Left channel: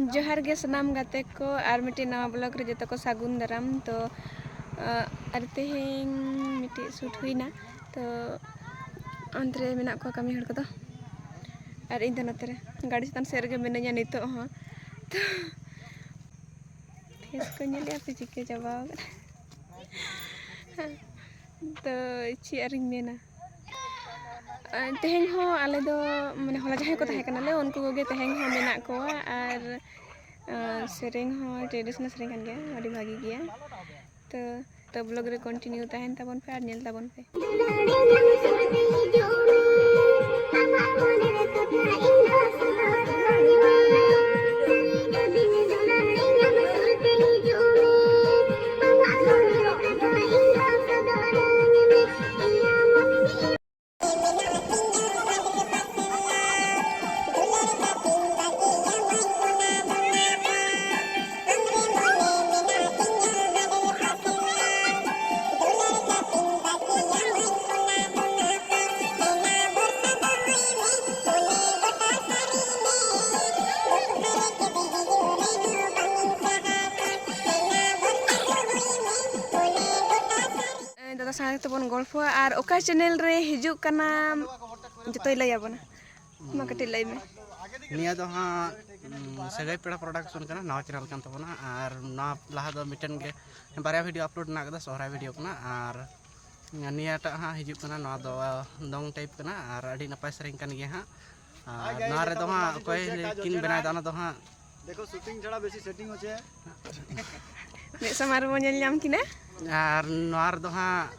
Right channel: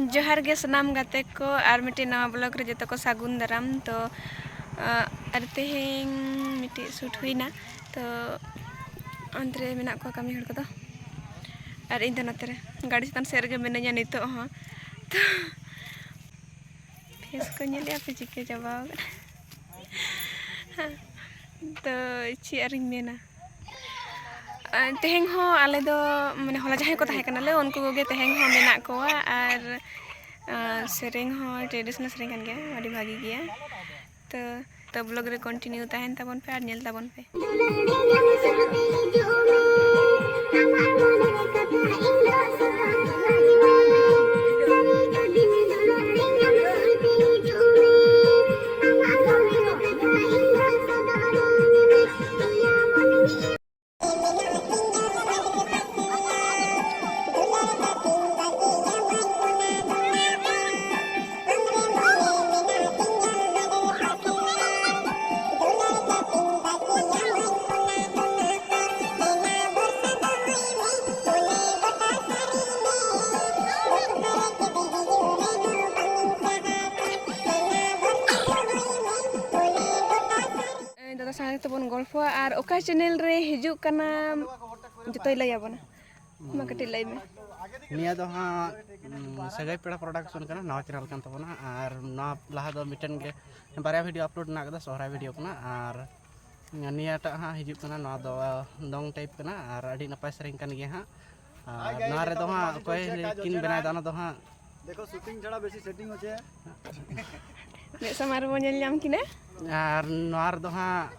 जोहार गे सनाम गाते को और मिट्टी नवा ब्लॉग रे जतो को सागुन दाराम तो और तेहें मिट्टी शूट हुईना तो अंतरे मेना को कमी हड़ को और इन नतरे गाड़ी चतान सेर गे मिनाया नितो हाँ तो फेस को नेले पे चिके चाबा तो चियारिंग मेना तेहें हो आले दो माने होला जहां को ताहे कनाले उनको गे तेहें हो मेना को और सेरेंग हो ट्रेडिशनल सेरेंग kan गया अड़ी भागी गया तो ब्लॉग रे कंटिन्यू ताहेन ताबन पे और नेल ताबन पे दादा साथ तबन गल्फा और ओका चैनल रे हिजुक कना जतोय लय आबना मा कटी लय में निया दो हाँ सगाई पेड़ा प्रोडक्शन करना नवा चैनल कान तबना और ना लहा दो मिटन के बारे वीडियो अपलोड ना कदा सोहरा वीडियो कना और निया टा हाँ हिजुक कना नवा दो दोंग टाइप कना और अड़ी नपाय सरेंग कान गे हाँ और नवा रे दो हाँ कोई किन बनाय दाना दो हाँ देखो शूटिंग छड़ा बेसी सेटिंग होचे मे समार mo nyel nyam kina और नवा रे दो हाँ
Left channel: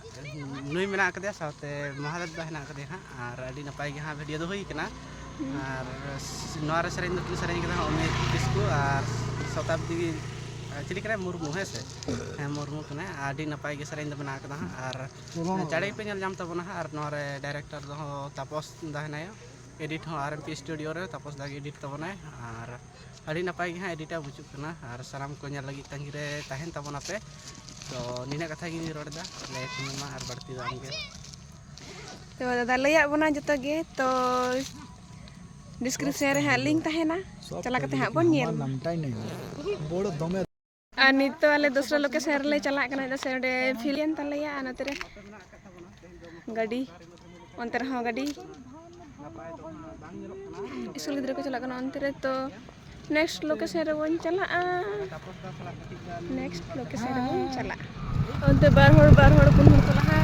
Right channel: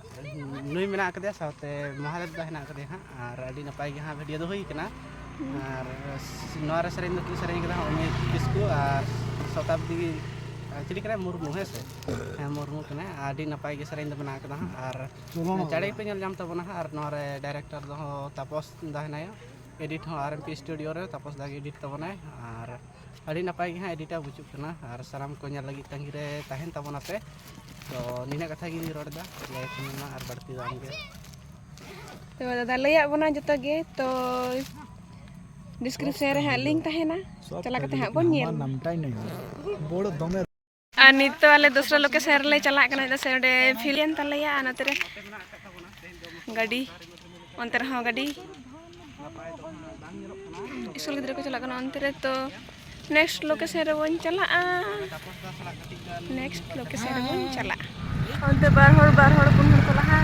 नुई मेना कदे साथे महादेव दा हेना कदे हाँ और अड़ी नपाय गे हाँ वीडियो दो हुई कना और नवा रे सरेंग दो किन सरेंग कदा अमित किस्कू और शताब्दी चिली कना मुर्मू है से मुर्मू कना अड़ी नपाय गे सरेंग दो बना कदा और चढ़े पे नेल जाम तबना और नवा रे डायरेक्टर दो तापस दा हेनायो एडिट हो आरएमपी स्टूडियो रे तापस दा एडिट तबनाय और अड़ी नपाय गे हाँ एडिटा बुचुक कना और साराम को नेल लगी तंगी रे ताहेन तबना पे तो निना कथा गी रोडदा ले कुमा और बढ़ती दाम गे तो दादा लय आबना जतो गे तो डिस्क्रिप्शन रे हा लिंक ताहेना चला कते हा बोन नेल नामटाई नहीं बोड़ दमे आ नितो आले दूसरा लोकेशन रे चला कना तो सेडे फिलियन तलया अनतरे गाड़ी अंतर हा गाड़ी स्कूल गिद्रा को चला कना अंतरे तो नेक्स्ट लोकेशन रे बोन चला नेक्स्ट लोकेशन रे बोन चला अंते बार हड़ पुन हड़ को लहा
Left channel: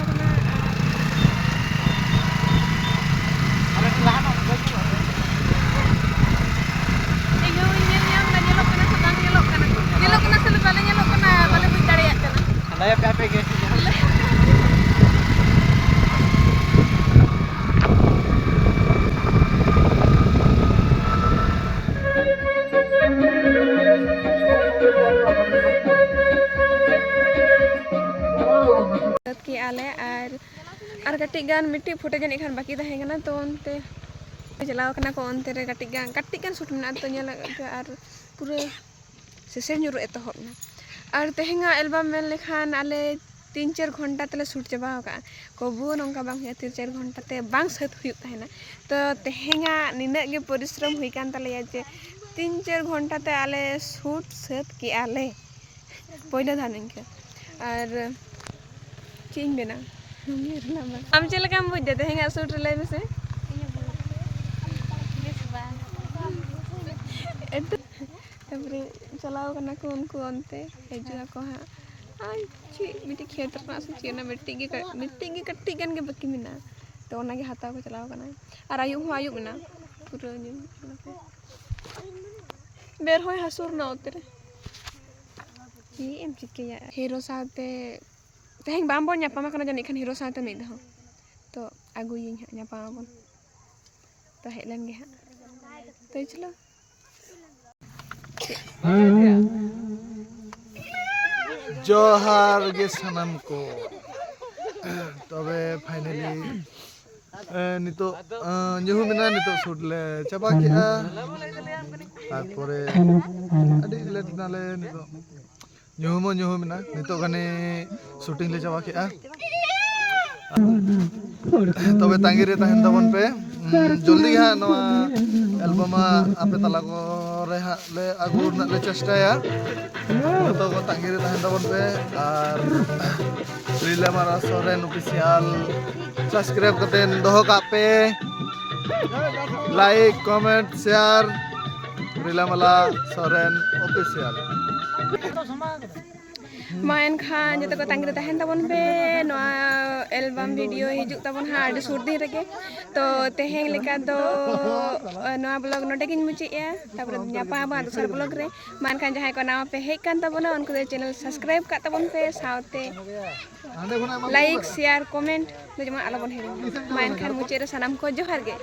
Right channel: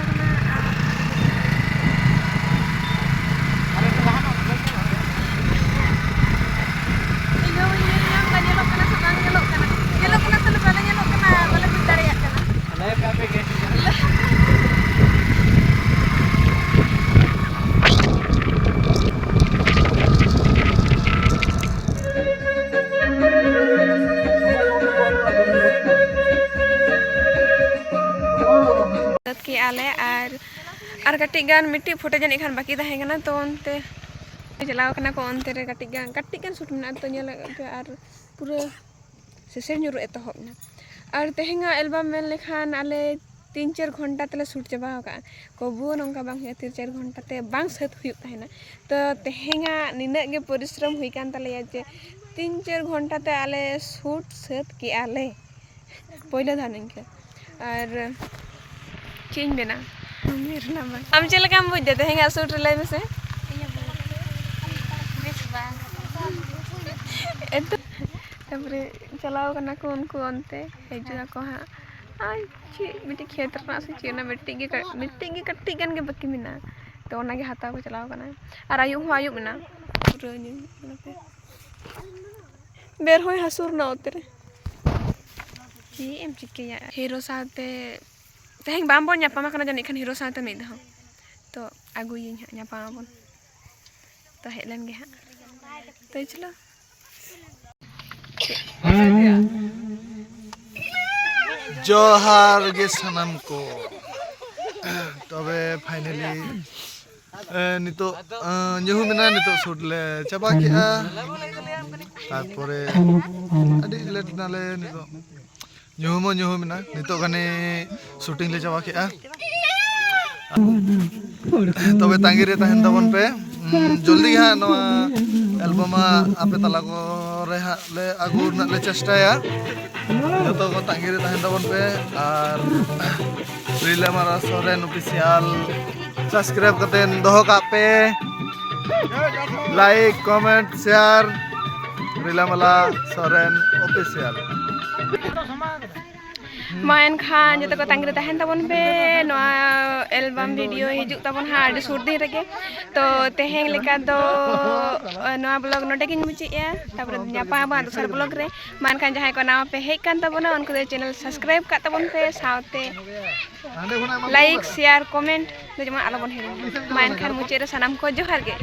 के आले और कटी गान मिट्टी फुटे जन खान बाकी तहेगना तो अंते चलाव कना को अंते रे कटी गान शूट में तो नेल और पूरा सेसे नुर एतहबना और तेहेंगा एल्बम में लेखान आले 3-4 घंटा तले शूट चबा का कबू नंका बांग 3-4 घंटा ते बांग सत हुई ताहेना तो तेहेंगा निना गे परिश्रम हुई कान तले जे 3-4 घंटा ते आले शूट सत के आले पहले धान के और चेंज देना मेरे नाम हम चल काम बुझ देते हैं सूट ले में से तबरे चलाओ करना को उनको अंते हेजुआ को हां ची मिट्टी खेत रना से चीना मिट्टी की कट्टी गन के बकी मिना तो ओना के हाथा को चलाओ करना और आयु मिना पूरा नि बेर होय हसुर ना उतरे की एम चिके हीरो साथे तेहें बाम बोन न्यापामा कना जन इखन हीरो साथे मिद हो तो आगुई न्यापामा बोन तो हेलन गे हां तो चलो जोहार गे सनम को तबे फाइनली नितो न्यूहु मिना नितो शूट ले चाबा किया तारपरे अडी लेट नाले नितो न्यूहु मिना नितो गने शूटिंग ले चाबा किया तबे तांगी रे ताहेन तबन पे जल्दी हाँ नवा एल्बम आपे तला को ᱯᱚᱨᱮ ᱦᱟᱸᱜ ᱞᱮ ᱟᱹᱜᱩ ᱨᱮᱱᱟᱜ ᱞᱮ ᱪᱮᱥᱴᱟᱭᱟ ᱡᱚᱛᱚ ᱠᱚ ᱛᱟᱺᱜᱤ ᱨᱮ ᱛᱟᱦᱮᱱ ᱛᱟᱵᱚᱱ ᱯᱮ ᱟᱨ ᱨᱤᱞᱟᱹᱢᱟᱞᱟ ᱥᱚᱨᱮᱱ ᱚᱯᱷᱤᱥᱤᱭᱟᱞ সাবস্ক্রাইব কাতেন দোহ কাপে লাইক কমেন্ট শেয়ার রিলামালা সরেন অফিসিয়াল मा एनखान जो को तांगी तहन तबन पे नोआ एल्बम वीडियो हिजुक तबन हा आडी सुर दिन रगे तो तेहें लेका दो नोआ ब्लॉग नोडे किन मुचिया तापर न्यापा बा दोसर ब्लॉग रे मान खान जहां को नाम पे हेक कान तबन उनको दे चैनल सब्सक्राइब का तबन पे साउते लाइक शेयर कमेंट तो जमा आलो बन हेरिंग मा एनखान मुचे रे सनाम को जोहार गे।